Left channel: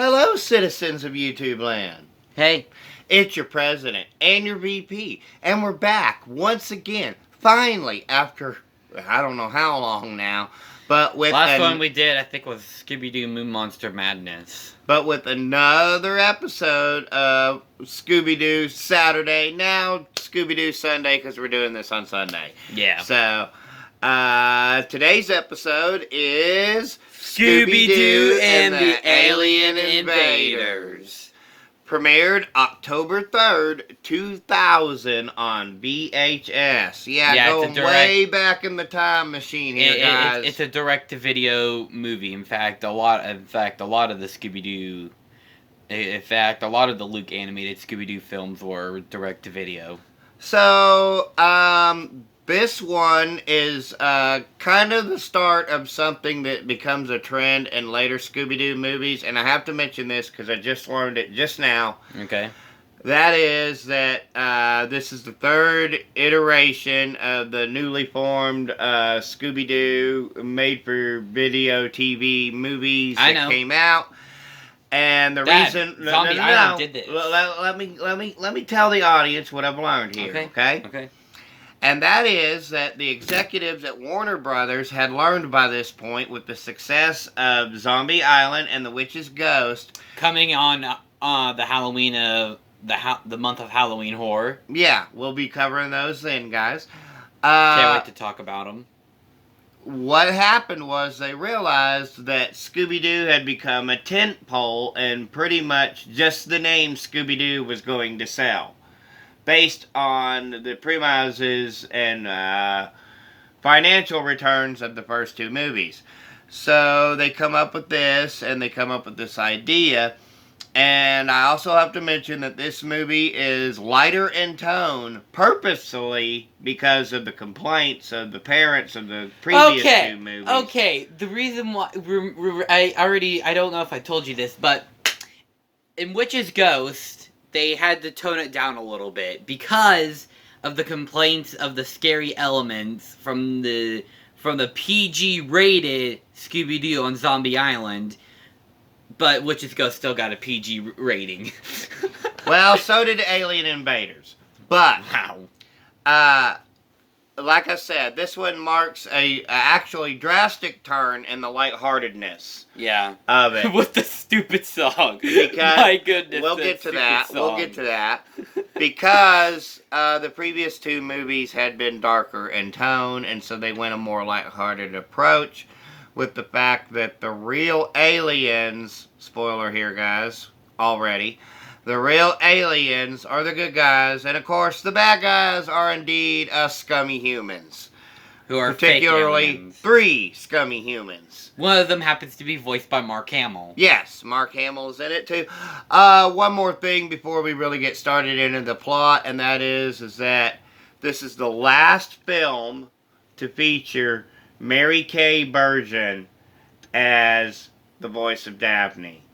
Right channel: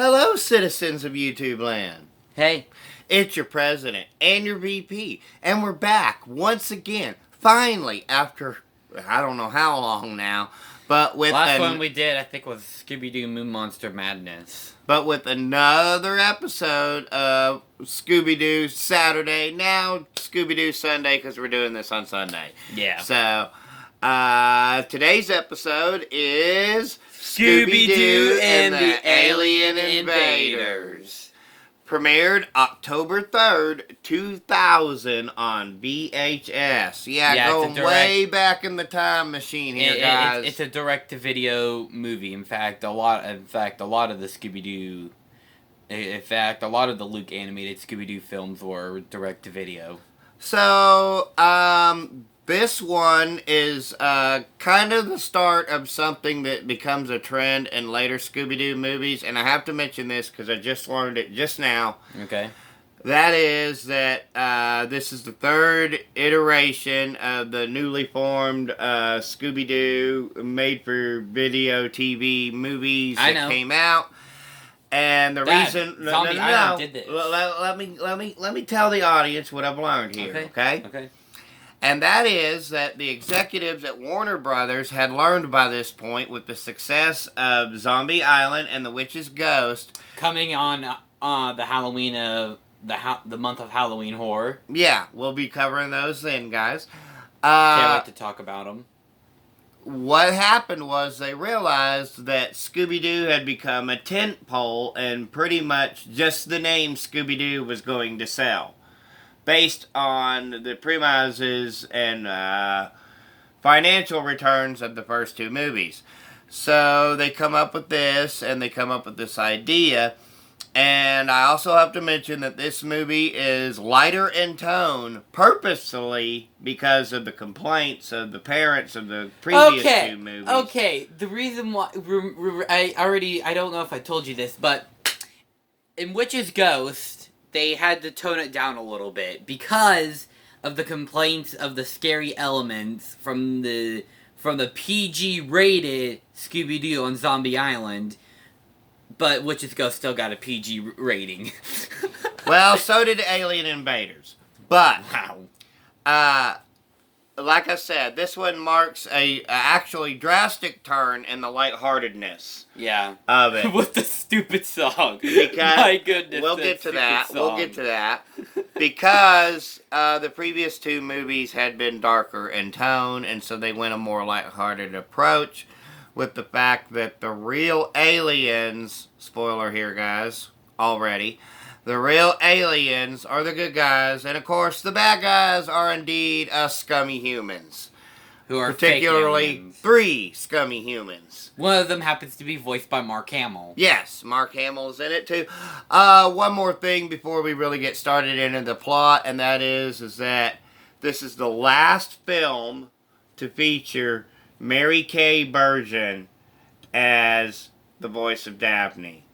Hello, citizens of YouTube land. Hey. It's your president and your VP, and we're back once again, finally, after I don't know how long now, but with Last one we did, I think, was Scooby-Doo Moon Monster Madness. But with another episode of Scooby-Doo Saturday, now Scooby-Doo Sunday, because we're doing this on Sunday. Yeah. So, today's episode is Scooby-Doo and the Alien Invaders. Premiered October 3rd, 2000 on VHS. Yeah, going way back in the time machine here, guys. It's a direct-to-video movie. In fact, a lot of the Scooby-Doo... In fact, a lot of the Luke animated Scooby-Doo films were direct-to-video. So, this one is kind of the start of something that becomes a trend in later Scooby-Doo movies, and I have to mention this because I just learned it just now. Okay. That is that this is the third iteration of the newly formed Scooby-Doo made-for-video TV movies that came out. And the reason... No. Did this. Let me tell the audience what I've learned here, okay? And that is that the executives at Warner Brothers had learned by this point, with the success of Zombie Island and The Witch's Ghost, coming on the Halloween of the month of Halloween horror. Yeah, we'll be covering those then, guys. Can't wait to talk about them. What happened was they realized that Scooby-Doo had become a tentpole, and pretty much just the name Scooby-Doo was going to sell, based on the premises and financial returns of the first two movies. So they come up with this, and they come up with this idea. And I also have to mention that this movie is lighter in tone, purposefully, because of the complaints of the parents of the previous two movies. Okay, the reason why... I don't know if I told you this, but in Witch's Ghost, they had to tone it down a little bit because of the complaints of the scary elements from the PG-rated Scooby-Doo on Zombie Island. But Witch's Ghost still got a PG rating. Well, so did Alien Invaders. But, like I said, this one marks a actually drastic turn in the lightheartedness of it. With the stupid song. Because, my goodness. We'll get to that. Because the previous two movies had been darker in tone, and so they went a more lighthearted approach, with the fact that the real aliens, spoiler here, guys, already, the real aliens are the good guys, and of course the bad guys are indeed us scummy humans. Who are particularly three scummy humans. One of them happens to be voiced by Mark Hamill. Yes, Mark Hamill's in it too. One more thing before we really get started into the plot, and that is that this is the last film to feature Mary Kay Burgess as the voice of Daphne.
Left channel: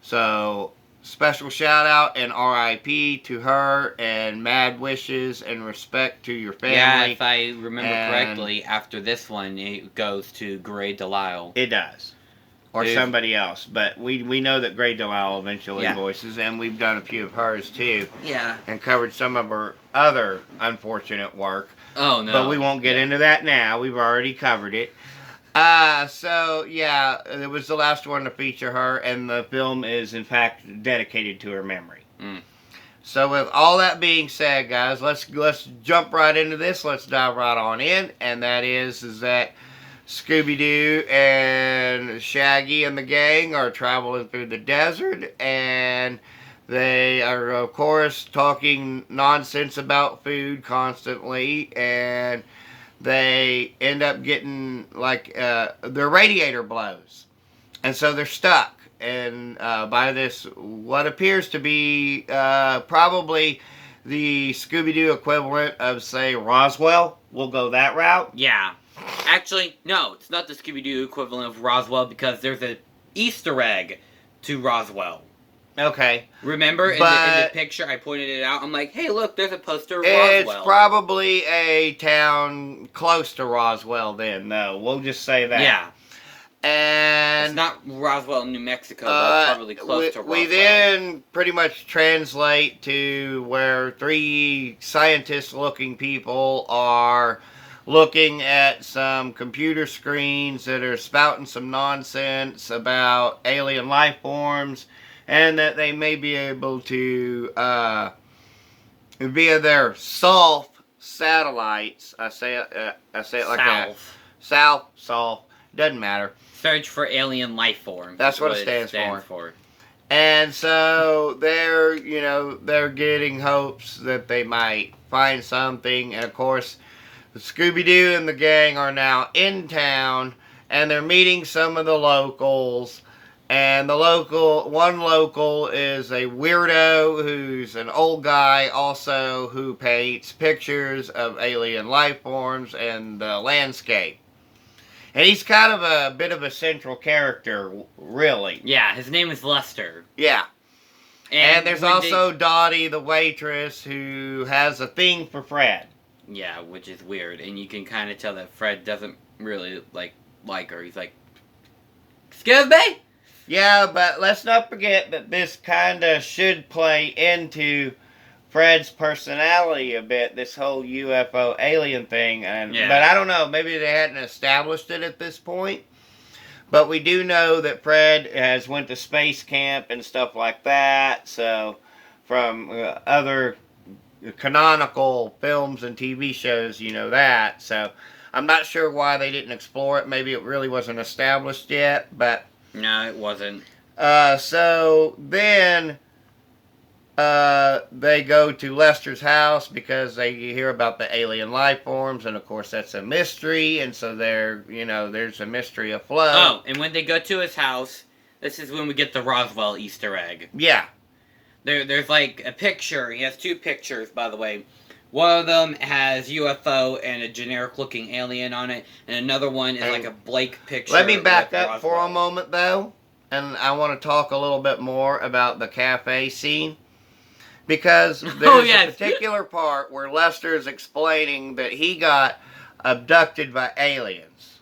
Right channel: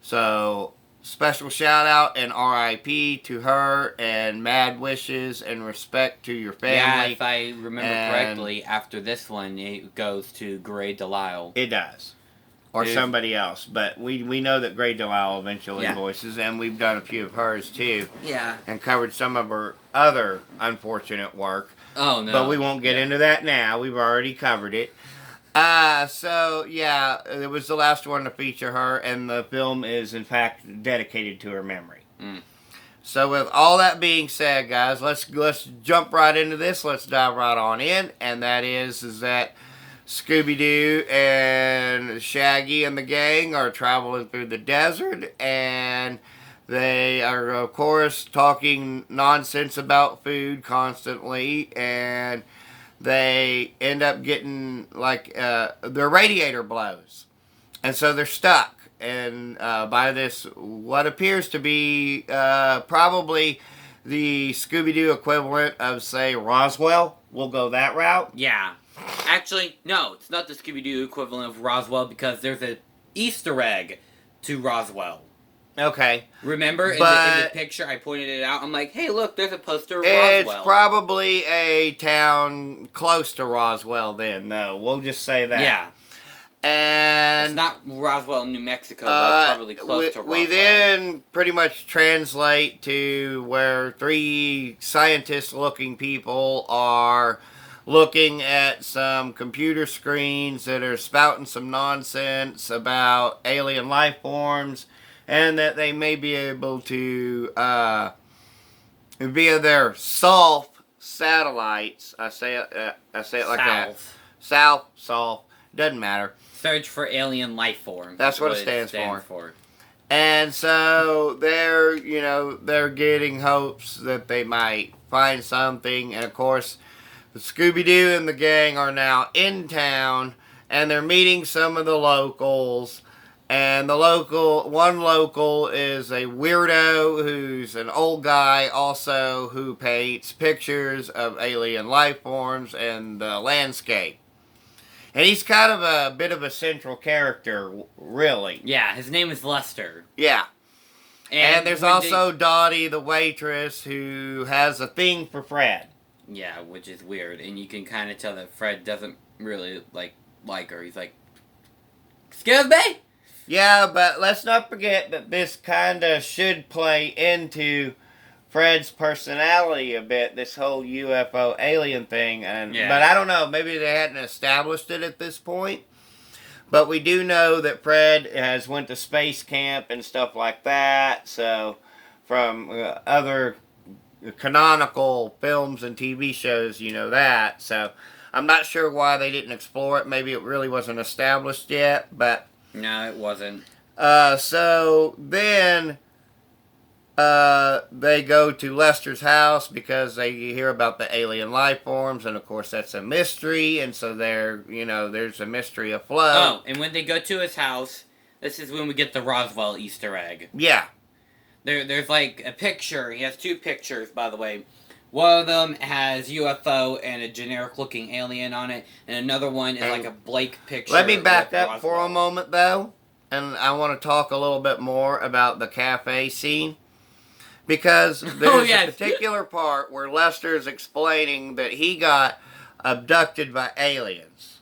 So, special shout out and R.I.P. to her, and mad wishes and respect to your family. Yeah, if I remember correctly, after this one, it goes to Grey Delisle. It does. Or somebody else. But we know that Grey Delisle eventually voices, and we've done a few of hers too. Yeah. And covered some of her other unfortunate work. Oh, no. But we won't get into that now. We've already covered it. So, yeah, it was the last one to feature her, and the film is, in fact, dedicated to her memory. So, with all that being said, guys, let's jump right into this. Let's dive right on in, and that is that Scooby-Doo and Shaggy and the gang are traveling through the desert, and they are, of course, talking nonsense about food constantly, and they end up getting, like, their radiator blows. And so they're stuck. And by this, what appears to be probably the Scooby-Doo equivalent of, say, Roswell. We'll go that route. Yeah. Actually, no, it's not the Scooby-Doo equivalent of Roswell, because there's an Easter egg to Roswell. Okay. Remember, in the picture, I pointed it out. I'm like, hey, look, there's a poster of Roswell. It's probably a town close to Roswell then, though. We'll just say that. Yeah. And it's not Roswell, New Mexico, but it's probably close to Roswell. We then pretty much translate to where 3 scientist-looking people are looking at some computer screens that are spouting some nonsense about alien life forms, and that they may be able to, via their Solf satellites, I say it like that. Solf, doesn't matter. Search for alien life forms. That's what it stands for. And so they're getting hopes that they might find something. And of course, Scooby-Doo and the gang are now in town, and they're meeting some of the locals. And one local is a weirdo who's an old guy also who paints pictures of alien life forms and the landscape. And he's kind of a bit of a central character, really. Yeah, his name is Lester. Yeah. And there's also Dottie, the waitress, who has a thing for Fred. Yeah, which is weird. And you can kind of tell that Fred doesn't really like her. He's like, excuse me? Yeah, but let's not forget that this kind of should play into Fred's personality a bit, this whole UFO alien thing. But I don't know, maybe they hadn't established it at this point. But we do know that Fred has went to space camp and stuff like that. So from other canonical films and TV shows, you know that. So I'm not sure why they didn't explore it. Maybe it really wasn't established yet. But no, it wasn't. So then they go to Lester's house because they hear about the alien life forms, and of course that's a mystery, and so there's a mystery afloat. Oh, and when they go to his house, this is when we get the Roswell Easter egg. Yeah. There's like a picture. He has 2 pictures, by the way. One of them has UFO and a generic-looking alien on it, and another one is like a blank picture. Let me back up for a moment, though, and I want to talk a little bit more about the cafe scene. Because there's a particular part where Lester is explaining that he got abducted by aliens.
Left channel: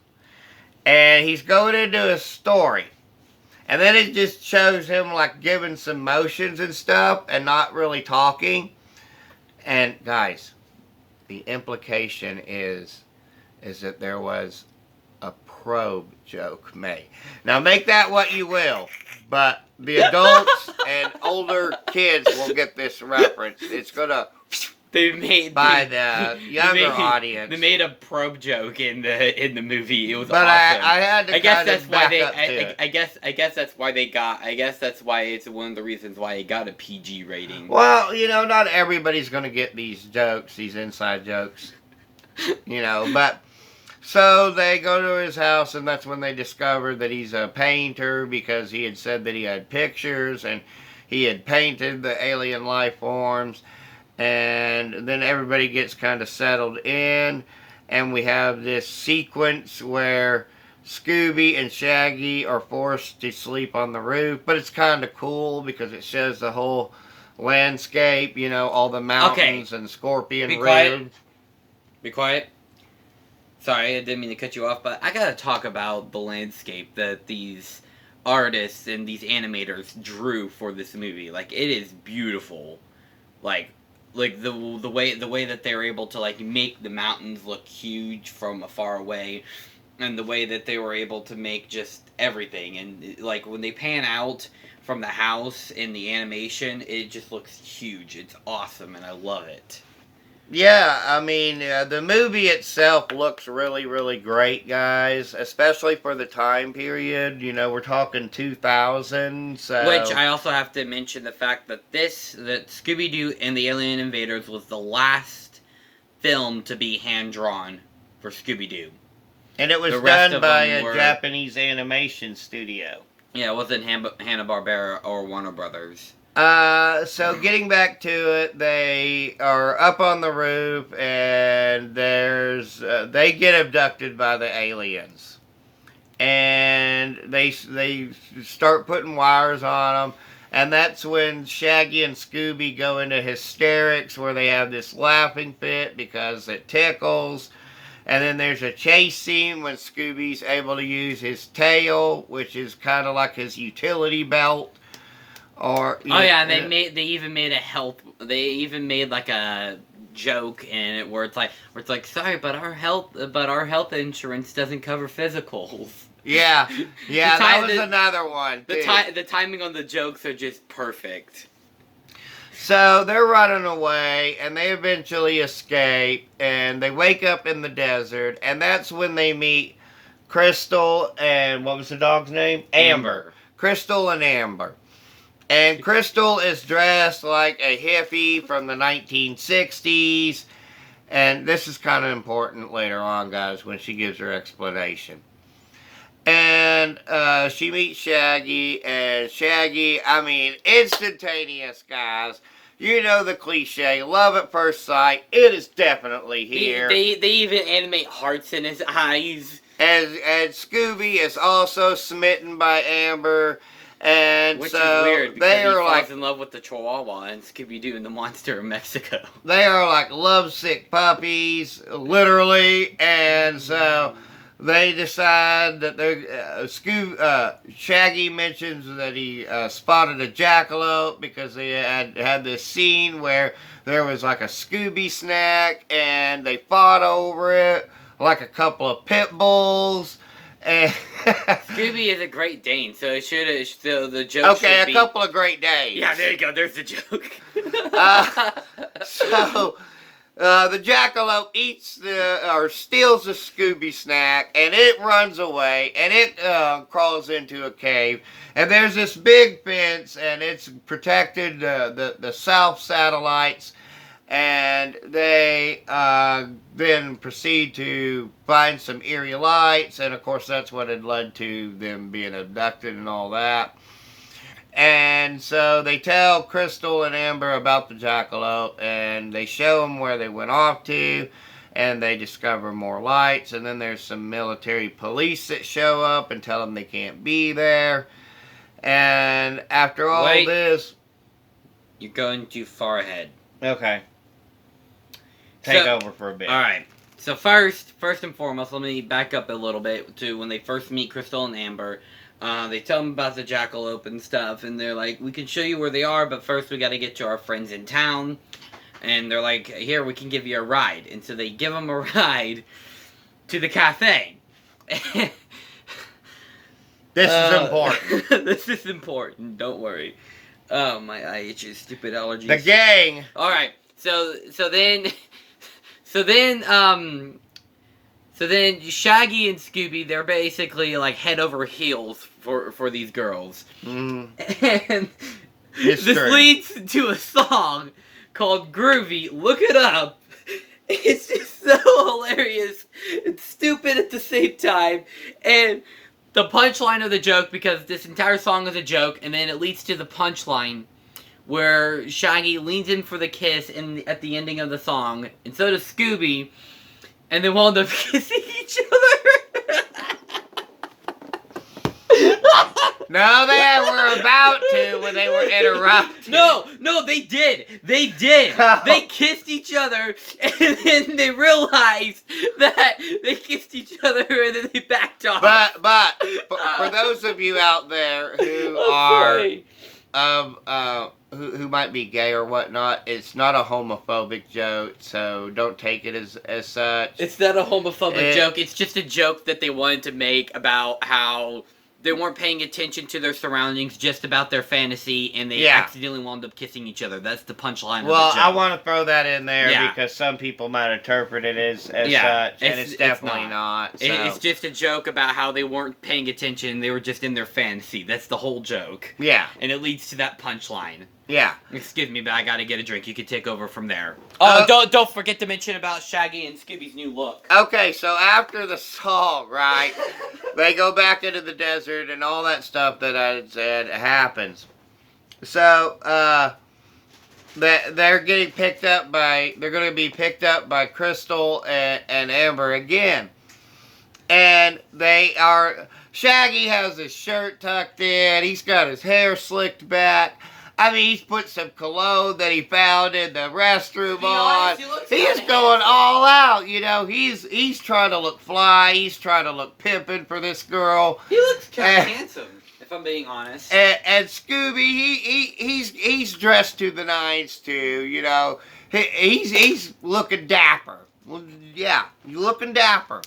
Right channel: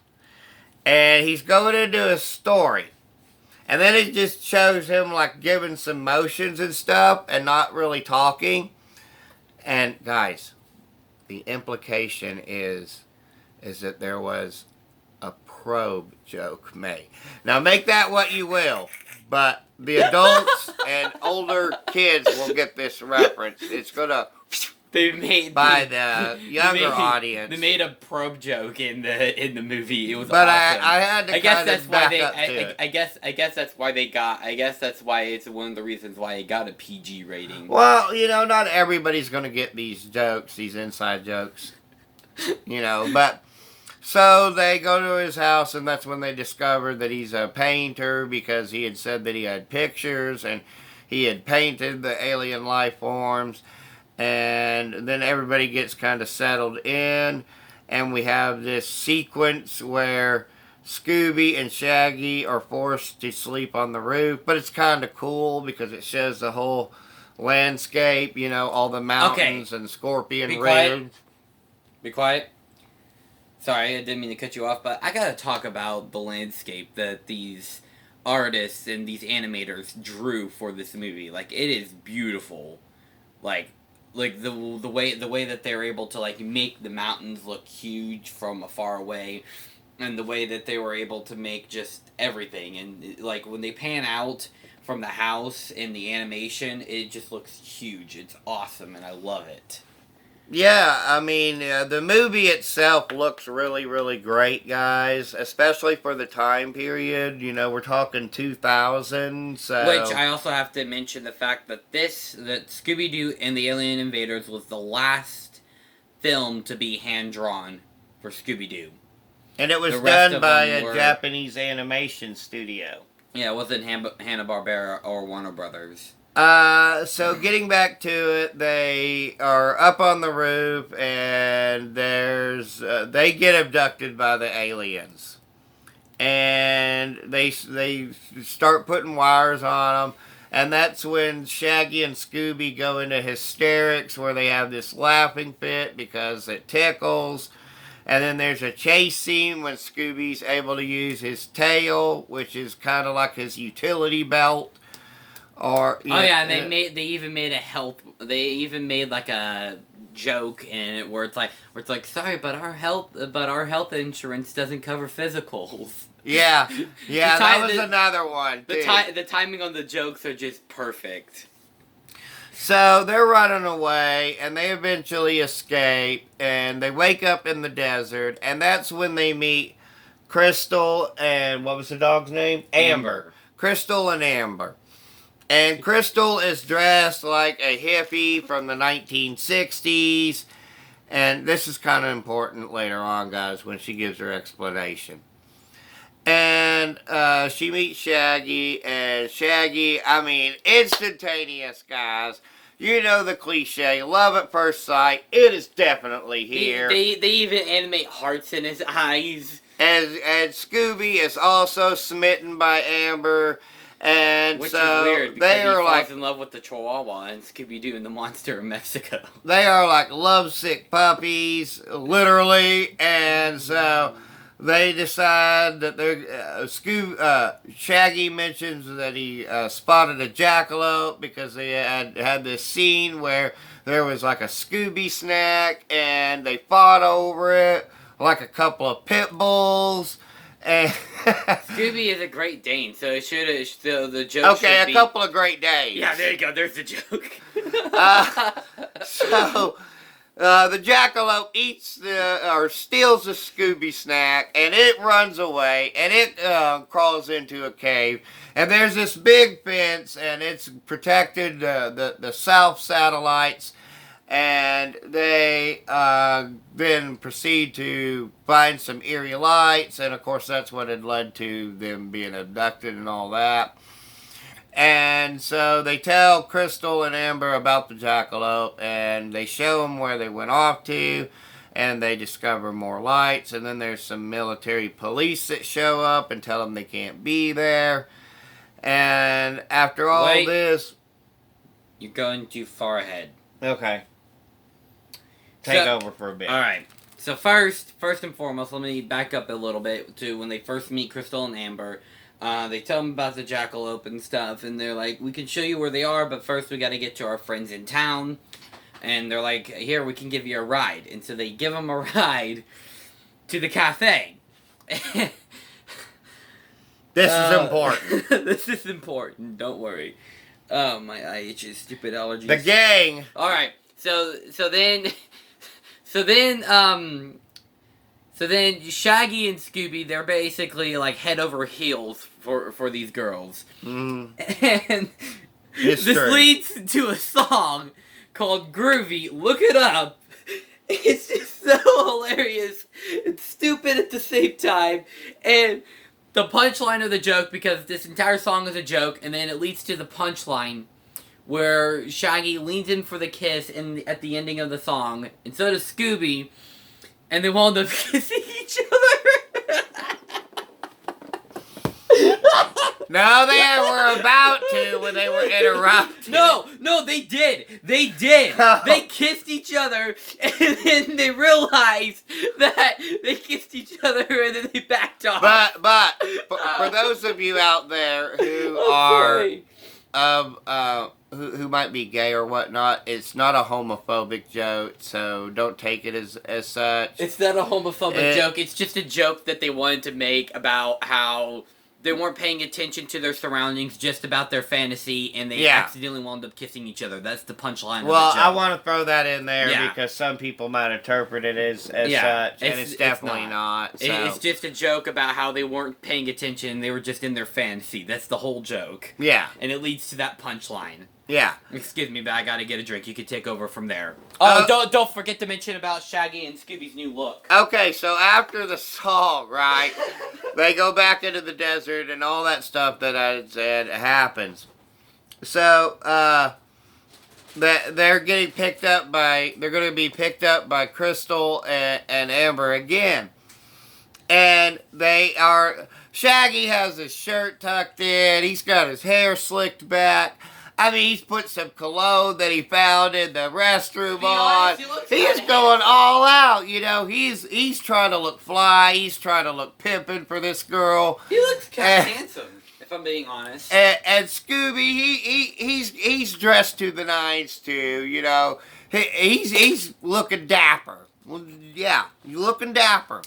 And he's going into his story. And then it just shows him like giving some motions and stuff and not really talking. And guys, the implication is that there was a probe joke made. Now make that what you will. But the adults and older kids will get this reference. It's gonna by the younger audience. They made a probe joke in the movie. It was but awesome. I had to. I guess that's why they. I guess that's why they got. I guess that's why it's one of the reasons why it got a PG rating. Well, not everybody's gonna get these jokes, these inside jokes. But. So they go to his house, and that's when they discover that he's a painter because he had said that he had pictures and he had painted the alien life forms. And then everybody gets kind of settled in, and we have this sequence where Scooby and Shaggy are forced to sleep on the roof. But it's kind of cool because it shows the whole landscape, all the mountains and Scorpion Ridge. Be quiet. Sorry, I didn't mean to cut you off, but I gotta talk about the landscape that these artists and these animators drew for this movie. Like, it is beautiful. Like the way that they're able to make the mountains look huge from afar away, and the way that they were able to make just everything. And when they pan out from the house in the animation, it just looks huge. It's awesome, and I love it. Yeah, I mean, the movie itself looks really, really great, guys. Especially for the time period. We're talking 2000, so... Which, I also have to mention the fact that Scooby-Doo and the Alien Invaders was the last film to be hand-drawn for Scooby-Doo. And it was done by a Japanese animation studio. Yeah, it wasn't Hanna-Barbera or Warner Brothers. So getting back to it, they are up on the roof, and they get abducted by the aliens. And they start putting wires on them, and that's when Shaggy and Scooby go into hysterics where they have this laughing fit because it tickles. And then there's a chase scene when Scooby's able to use his tail, which is kind of like his utility belt. Or yeah, and they even made like a joke in it where it's like sorry, but our health insurance doesn't cover physicals. Yeah, that was another one. The timing on the jokes are just perfect. So they're running away, and they eventually escape, and they wake up in the desert, and that's when they meet Crystal and what was the dog's name? Amber. Crystal and Amber. And Crystal is dressed like a hippie from the 1960s, and this is kind of important later on, guys, when she gives her explanation. And she meets Shaggy, and Shaggy, I mean, instantaneous, guys. You know the cliche, love at first sight. It is definitely here. They even animate hearts in his eyes. And Scooby is also smitten by Amber. And which so is weird because they he are falls in love with the Chihuahua and Scooby-Doo and the monster of Mexico. They are like lovesick puppies, literally. And so they decide that they're Shaggy mentions that he spotted a jackalope because they had this scene where there was like a Scooby snack and they fought over it like a couple of pit bulls. And Scooby is a Great Dane, so it should the joke should be... a couple of Great Danes. Yeah, there you go. There's the joke. So the jackalope eats steals the Scooby snack, and it runs away, and it crawls into a cave. And there's this big fence, and it's protected the south satellites. And they then proceed to find some eerie lights, and of course that's what had led to them being abducted and all that. And so they tell Crystal and Amber about the jackalope, and they show them where they went off to, and they discover more lights, and then there's some military police that show up and tell them they can't be there. And after all this... You're going too far ahead. Okay. Take over for a bit. Alright. So first and foremost, let me back up a little bit to when they first meet Crystal and Amber. They tell them about the jackalope and stuff, and they're like, we can show you where they are, but first we gotta get to our friends in town. And they're like, here, we can give you a ride. And so they give them a ride to the cafe. This is important. This is important, don't worry. Oh, my eye itches, stupid allergies. The gang! Alright, so then Shaggy and Scooby, they're basically like head over heels for these girls. And this leads to a song called Groovy Look It Up. It's just so hilarious. It's stupid at the same time. And the punchline of the joke, because this entire song is a joke, and then it leads to the punchline where Shaggy leans in for the kiss at the ending of the song, and so does Scooby, and they wound up kissing each other. No, they were about to when they were interrupted. No, they did. They kissed each other, and then they realized that they kissed each other, and then they backed off. But for those of you out there who who might be gay or whatnot, it's not a homophobic joke, so don't take it as such. It's not a homophobic joke. It's just a joke that they wanted to make about how they weren't paying attention to their surroundings, just about their fantasy, and they accidentally wound up kissing each other. That's the punchline of the joke. Well, I want to throw that in there because some people might interpret it as such, and it's definitely not. So. It's just a joke about how they weren't paying attention. They were just in their fantasy. That's the whole joke. Yeah. And it leads to that punchline. Yeah. Excuse me, but I gotta get a drink. You can take over from there. Oh, don't forget to mention about Shaggy and Scooby's new look. Okay, so after the song, right, they go back into the desert and all that stuff that I said happens. So, they're getting picked up by, they're going to be picked up by Crystal and Amber again. And they are, Shaggy has his shirt tucked in, he's got his hair slicked back. I mean, he's put some cologne that he found in the restroom on. He He's going all out, you know. He's trying to look fly. He's trying to look pimping for this girl. He looks kind of handsome, if I'm being honest. And Scooby, he's dressed to the nines too, you know. He's looking dapper. Well, yeah, looking dapper.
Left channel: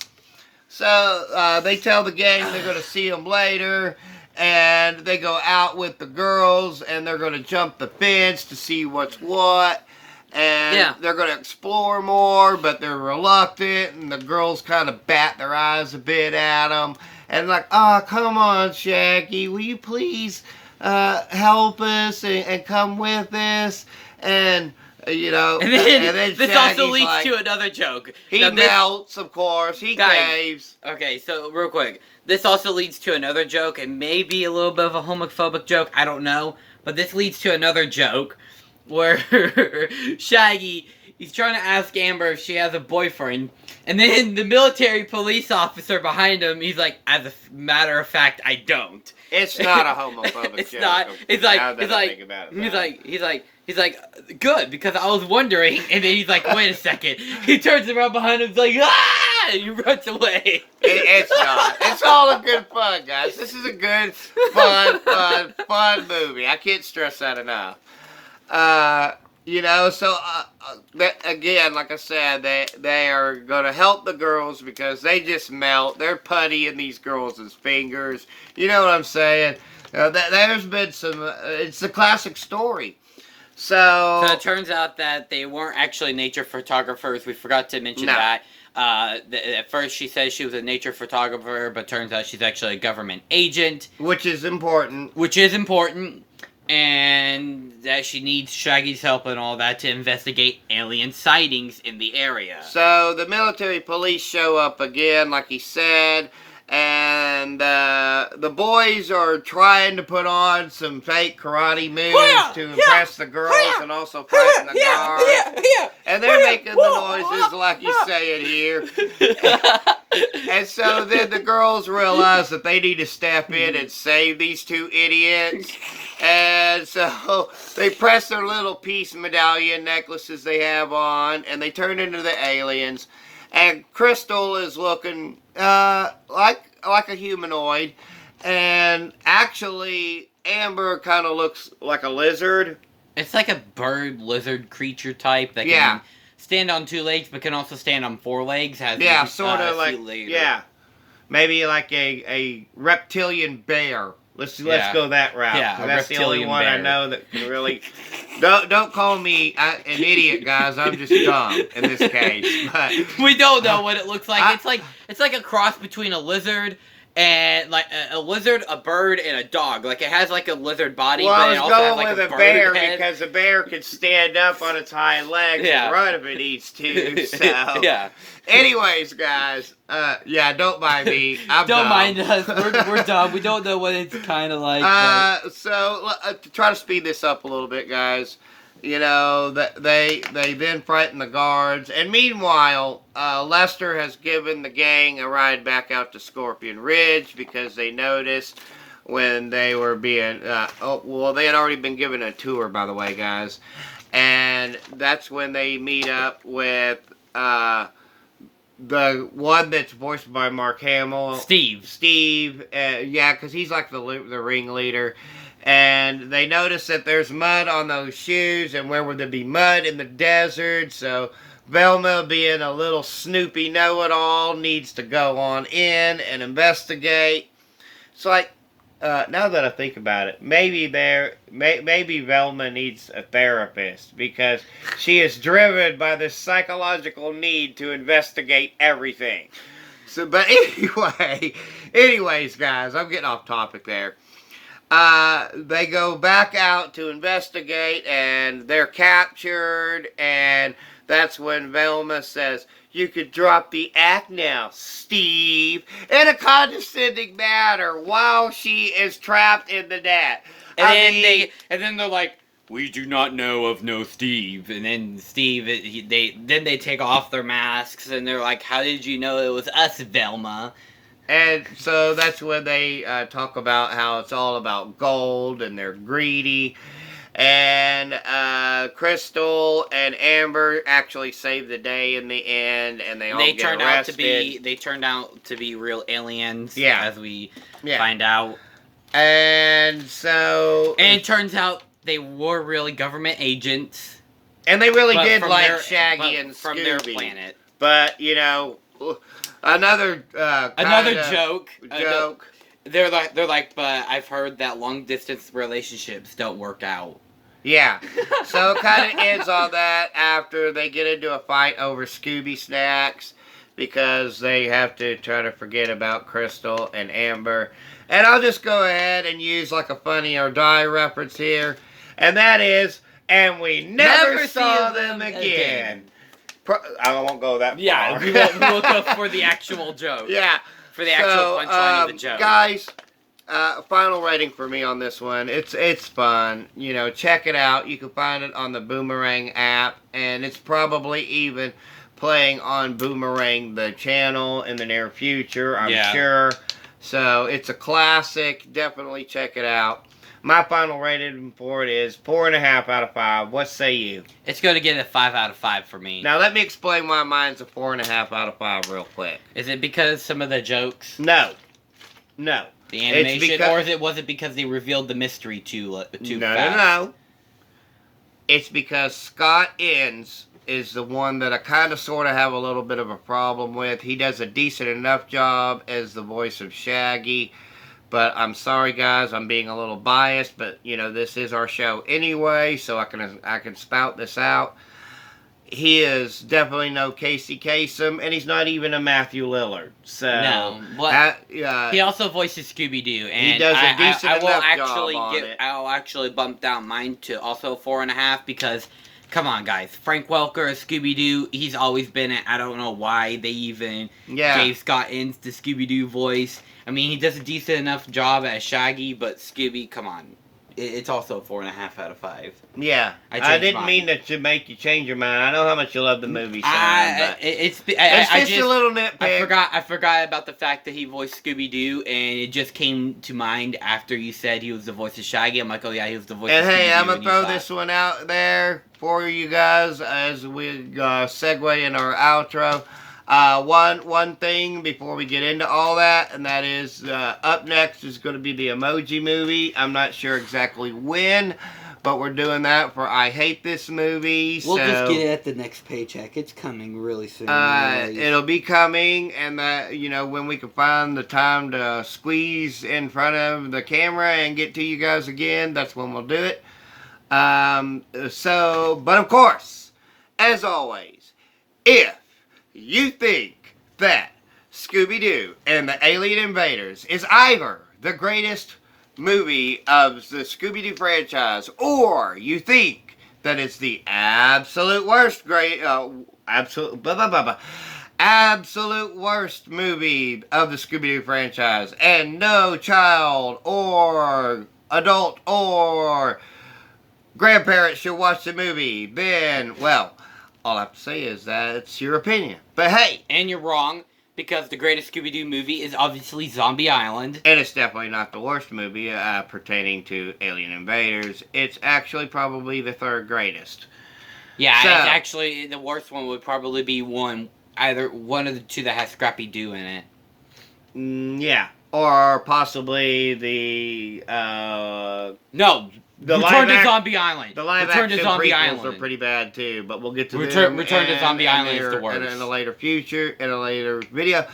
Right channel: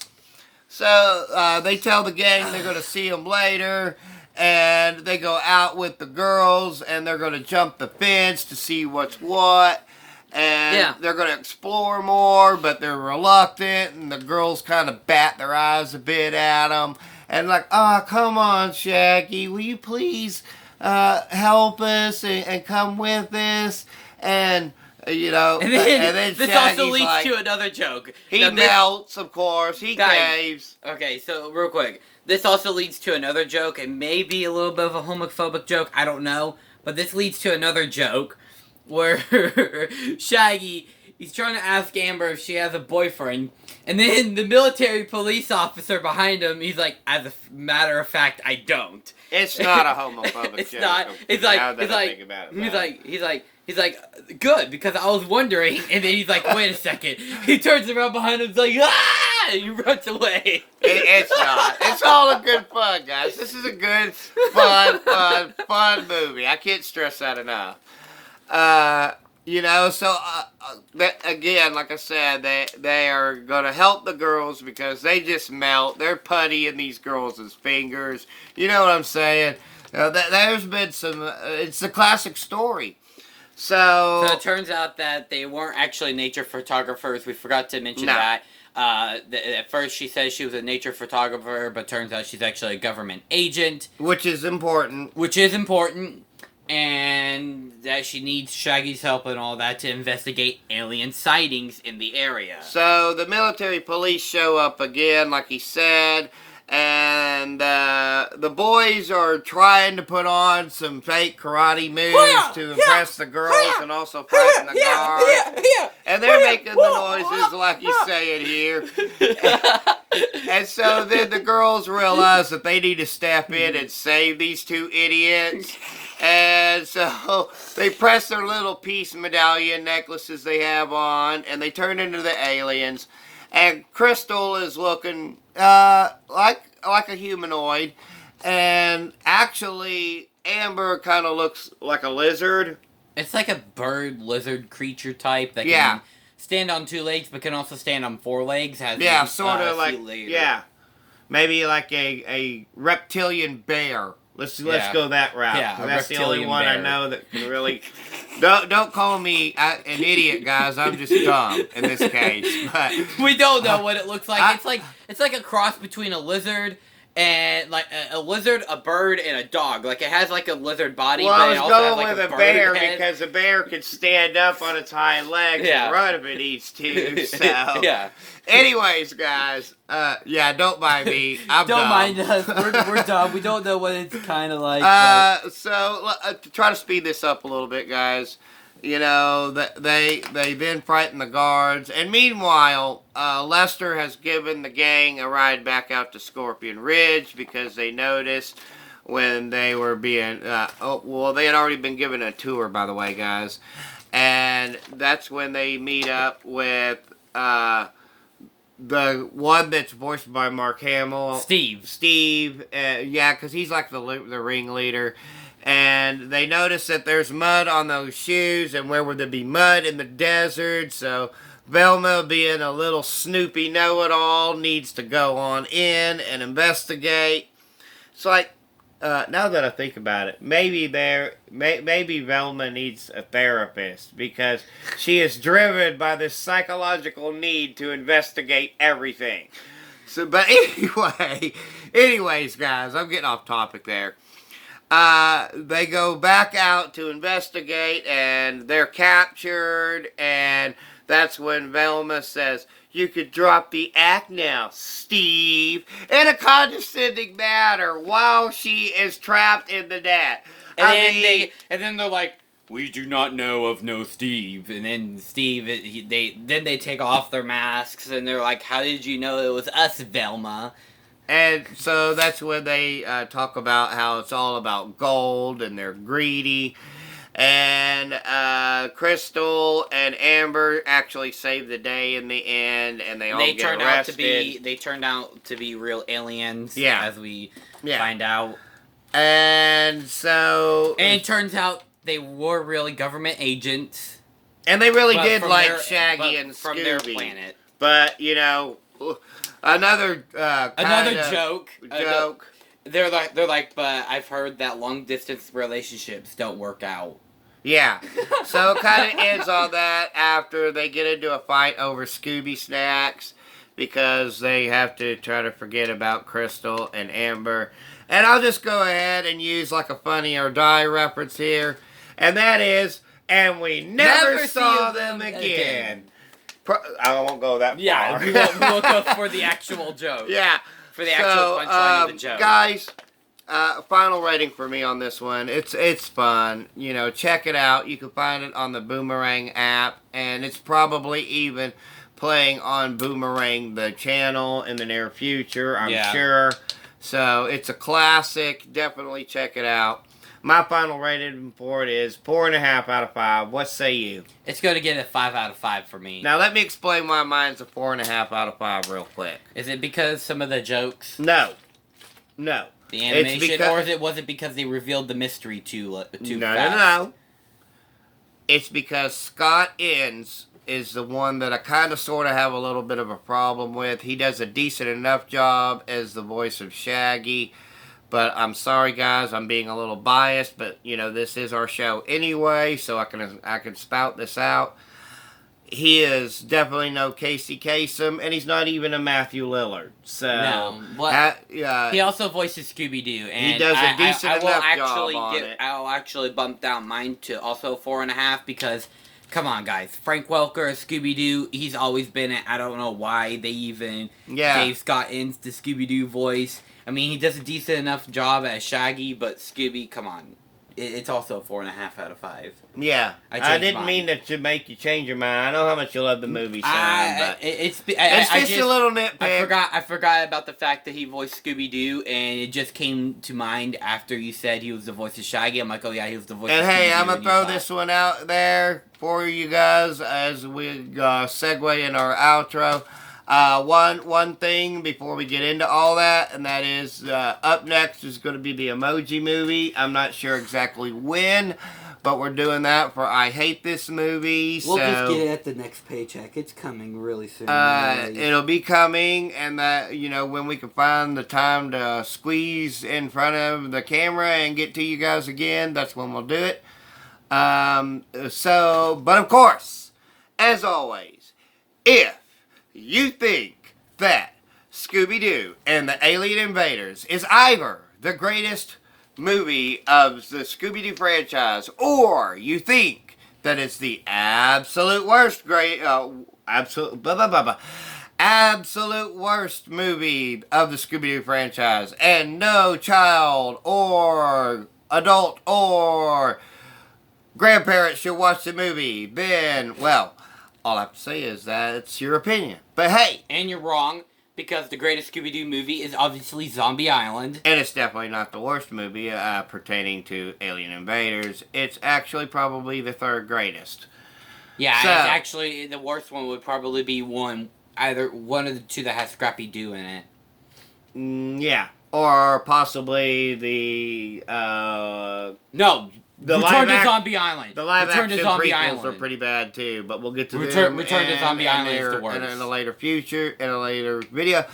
So they tell the gang they're going to see him later. And they go out with the girls, and they're going to jump the fence to see what's what. And they're going to explore more, but they're reluctant. And the girls kind of bat their eyes a bit at them. And like, oh, come on, Shaggy. Will you please help us and come with us? And, you know. And then this Shaggy's also leads to another joke. He melts, of course. He caves. Okay, so real quick. This also leads to another joke, and maybe a little bit of a homophobic joke, I don't know. But this leads to another joke, where Shaggy, he's trying to ask Amber if she has a boyfriend, and then the military police officer behind him, he's like, as a matter of fact, I don't. It's not a homophobic it's joke. Not. He's like, good, because I was wondering, and then he's like, wait a second. He turns around behind him, he's like, ah! And he runs away. It's not. It's all a good fun, guys. This is a good, fun movie. I can't stress that enough. You know, so, again, like I said, they are going to help the girls because they just melt. They're putty in these girls' fingers. You know what I'm saying? There's been some, it's a classic story. So it turns out that they weren't actually nature photographers. We forgot to mention that. At first she says she was a nature photographer, but turns out she's actually a government agent. Which is important. And that she needs Shaggy's help and all that to investigate alien sightings in the area. So the military police show up again, like he said, and the boys are trying to put on some fake karate moves to impress the girls and also fight the guards. And they're making the noises like you say it here. And so then the girls realize that they need to step in and save these two idiots. And so they press their little peace medallion necklaces they have on, and they turn into the aliens. And Crystal is looking like a humanoid, and actually Amber kind of looks like a lizard. It's like a bird lizard creature type that can stand on two legs, but can also stand on four legs. Has sort of like maybe like a reptilian bear. Let's go that route. Yeah, that's the only one bear. I know that can really. Don't call me an idiot, guys. I'm just dumb in this case. But we don't know what it looks like. It's like a cross between a lizard and like a lizard, a bird, and a dog. Like it has like a lizard body, but it also has like a bird bear head. Because a bear could stand up on its hind legs and run if it needs to. So anyways, guys, don't mind me. I'm don't dumb. mind us. We're dumb. We don't know what it's kind of like. So to try to speed this up a little bit, guys. You know, they then frighten the guards. And meanwhile, Lester has given the gang a ride back out to Scorpion Ridge because they noticed when they were being... they had already been given a tour, by the way, guys. And that's when they meet up with the one that's voiced by Mark Hamill. Steve, because he's like the ringleader. And they notice that there's mud on those shoes, and where would there be mud in the desert? So Velma, being a little snoopy know-it-all, needs to go on in and investigate. It's like, now that I think about it, maybe Velma needs a therapist because she is driven by this psychological need to investigate everything. So, but anyways, guys, I'm getting off topic there. They go back out to investigate, and they're captured, and that's when Velma says, "You could drop the act now, Steve," in a condescending manner while she is trapped in the net. And then they're like, "We do not know of no Steve." And then they take off their masks, and they're like, "How did you know it was us, Velma?" And so that's when they talk about how it's all about gold and they're greedy. And Crystal and Amber actually saved the day in the end, and they all get arrested. They turned out to be real aliens. Yeah. As we find out. And so... And it turns out they were really government agents. And they really did like Shaggy and Scooby. From their planet. But, you know, another joke. They're like, but I've heard that long distance relationships don't work out. Yeah. So it kind of ends on that after they get into a fight over Scooby snacks because they have to try to forget about Crystal and Amber. And I'll just go ahead and use like a Funny or Die reference here. And that is, and we never saw them again. I won't go that far. Yeah, we won't go for the actual joke. Yeah. For the actual punchline of the joke. Guys, final rating for me on this one. It's fun. You know, check it out. You can find it on the Boomerang app. And it's probably even playing on Boomerang, the channel, in the near future, I'm sure. So, it's a classic. Definitely check it out. My final rating for it is 4.5 out of 5. What say you? It's going to get a 5 out of 5 for me. Now, let me explain why mine's a 4.5 out of 5 real quick. Is it because some of the jokes? No. The animation? Or was it because they revealed the mystery too fast? No. It's because Scott Innes is the one that I kind of sort of have a little bit of a problem with. He does a decent enough job as the voice of Shaggy. But I'm sorry, guys, I'm being a little biased. But, you know, this is our show anyway, so I can spout this out. He is definitely no Casey Kasem, and he's not even a Matthew Lillard. So no, he also voices Scooby-Doo, and he does a decent enough job on it. I'll actually bump down mine to also 4.5 because, come on, guys, Frank Welker as Scooby-Doo, he's always been it. I don't know why they even gave Scott Innes the Scooby-Doo voice. I mean, he does a decent enough job as Shaggy, but Scooby, come on. It's also 4.5 out of 5. Yeah. I didn't mean that to make you change your mind. I know how much you love the movie, son, but it's just a little nitpick. I forgot about the fact that he voiced Scooby-Doo, and it just came to mind after you said he was the voice of Shaggy. I'm like, oh yeah, he was the voice of Scooby-Doo. And hey, I'm going to throw this one out there for you guys as we segue in our outro. One thing before we get into all that, and that is up next is going to be the Emoji Movie. I'm not sure exactly when, but we're doing that for I Hate This Movie. We'll just get it at the next paycheck. It's coming really soon. It'll be coming, and that, you know, when we can find the time to squeeze in front of the camera and get to you guys again, that's when we'll do it. But of course, as always, if you think that Scooby-Doo and the Alien Invaders is either the greatest movie of the Scooby-Doo franchise, or you think that it's the absolute worst absolute worst movie of the Scooby-Doo franchise, and no child or adult or grandparent should watch the movie, then, well, all I have to say is that it's your opinion. But hey! And you're wrong, because the greatest Scooby-Doo movie is obviously Zombie Island. And it's definitely not the worst movie pertaining to Alien Invaders. It's actually probably the third greatest. Yeah, it's actually, the worst one would probably be either one of the two that has Scrappy Doo in it. Yeah. Or possibly the... No! Return to Zombie Island. The live action prequels are pretty bad too, but we'll get to them. Return to Zombie Island is the worst. In a later future, in a later video.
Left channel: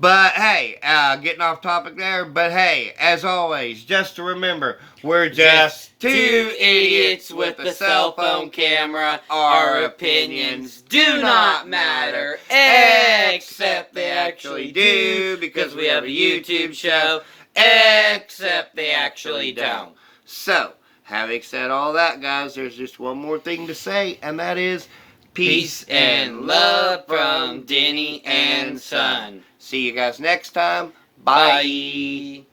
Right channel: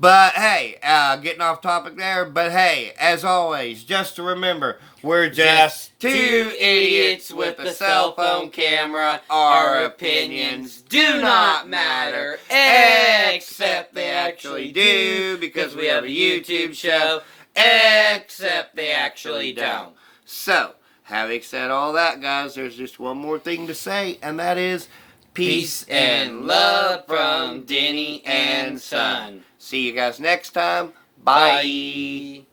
But hey, getting off topic there, but hey, as always, just to remember, we're just two idiots with a cell phone camera. Our opinions do not matter, except they actually do, because we have a YouTube show, except they actually don't. So, having said all that, guys, there's just one more thing to say, and that is peace and love from Denny and Son. See you guys next time. Bye.